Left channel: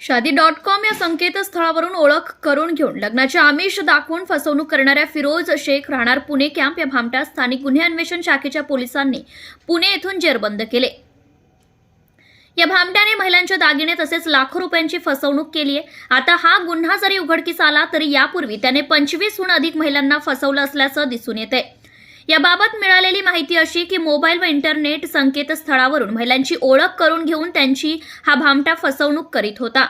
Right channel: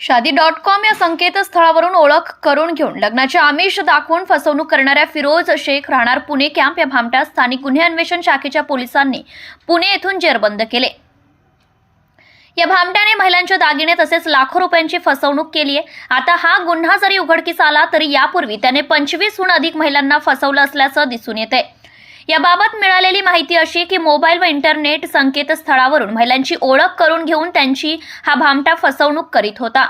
शादी dot com या संकेतस्थळावरून ओळख करून घेऊन लग्नाचे आमिष दाखवून फसवणूक करणाऱ्या फिरोज शेख राहणार पुणे कॅम्प या भामट्या स्थानिक गुन्हे अन्वेषण शाखेच्या पोलिसांनी पुणे येथून जेरबंद केले. या भामट्याने महिलांच्या दागिने तसेच लाखो रुपयांची फसवणूक केली आहे. आता हा गुन्हा जरी उघडकीस आला तरी यापूर्वी त्याने पंचवीसहून अधिक महिलांना फसवलं असल्याचं दिसून येते याबाबत मिळालेली माहिती अशी की मोबाईल व इंटरनेट संकेतस्थळावरून महिलांची ओळख करून घेऊन त्यांची हा भामटा फसवणूक करीत होता.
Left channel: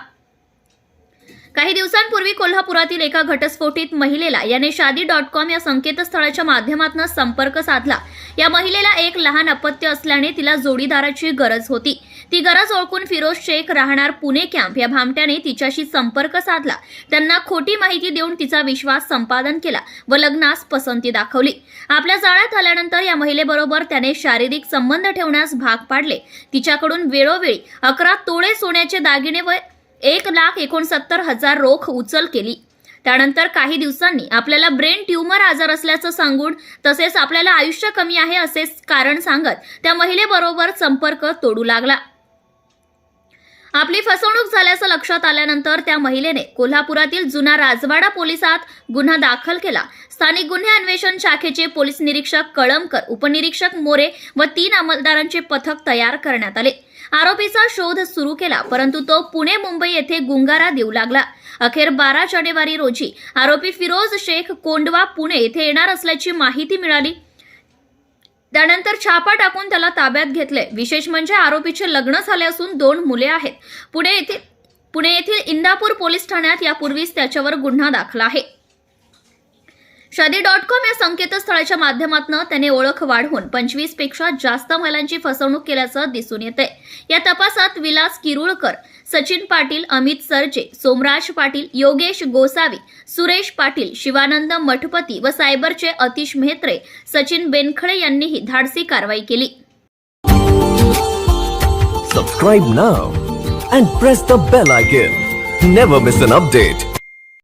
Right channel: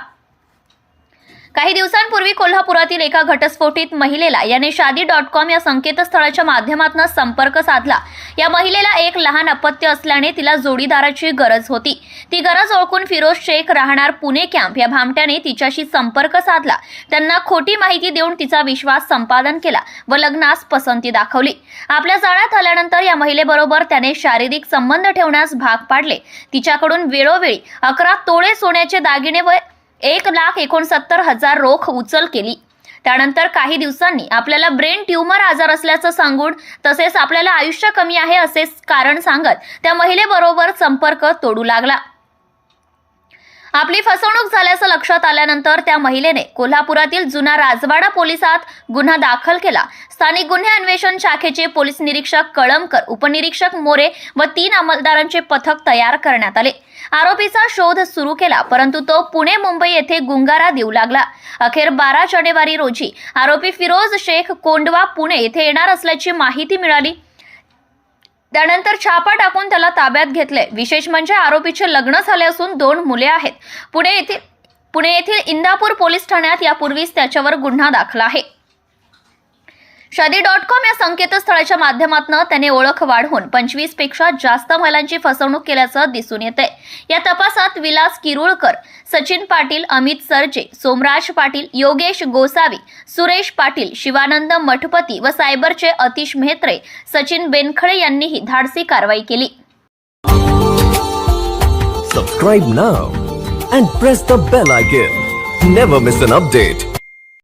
काही दिवसांपूर्वी कोल्हापुरातील एका घटस्फोटित महिलेला याने शादी डॉट कॉम या संकेतस्थळाच्या माध्यमातून संपर्क साधला. या महिलेला एक लहान अपत्य असल्याने तिला जोडीदाराची गरज होती. ती गरज ओळखून फिरोज शेख राहणार पुणे कॅम्प या भामट्याने तिच्याशी संपर्क साधला. त्यांना खोटी माहिती देऊन तिचा विश्वास संपादन केला व लग्नास पसंती दाखवली. आपल्या जाळ्यात आल्यानंतर या महिलेबरोबर त्याने शारीरिक संबंध ठेवण्यास भाग पाडले. तिच्याकडून वेळोवेळी अकरा तोळे सोन्याचे दागिने व एक लाख एकोणसत्तर हजार रोख उचल केली. त्यानंतर काही दिवसांनी आपल्याला ब्रेन ट्यूमर आजार असल्याचं सांगून तसेच आपल्याला आयुष्य कमी आहे असे कारण सांगत त्या महिलेबरोबर संपर्क तोडू लागला. आपली फसवणूक झाल्याचं लक्षात आल्यानंतर त्या महिलेने कोल्हापुरातील जुना राजवाडा पोलिसात गुन्हा दाखल केला. स्थानिक गुन्हे अन्वेषण शाखेचे पोलीस निरीक्षक कळमकर उपनिरीक्षक मोरे व तीन अंमलदारांचे पथक तयार करण्यात आले. आरोपीचा शोध सुरू केला परंतु तो पुणे मुंबई येथे गुंगारा देऊ लागला. अखेर बारा जानेवारी रोजी आरोपी फिरोज शेख कोंडवा पुणे येथे येणार असल्याची माहिती मिळाली. त्यानंतर छापा टाकून त्याला ताब्यात घेतले. विशेष म्हणजे आरोपीचे लग्न झाले असून दोन मुले आहेत. पुणे येथील पुणे येथील इंदापूर पोलीस ठाण्यात यापूर्वीच त्याच्यावर गुन्हा दाखल आहे. शादी डॉट कॉम या संकेतस्थळाच्या माध्यमातून त्याने ओळख वाढवून पंचवीसपेक्षा जास्त महिलांची फसवणूक केल्याचं दिसून येते या तपासात विलास किरुळकर सचिन पाटील अमित सरजे सोमराज पाटील योगेश गोसावी सुरेश पाटील शिवानंद मठपती व सायबरचे अतिश मेहत्रे सचिन बेनखळे यांनीही धाडसी कारवाई केली. Subscribe now and press the bell icon never miss an update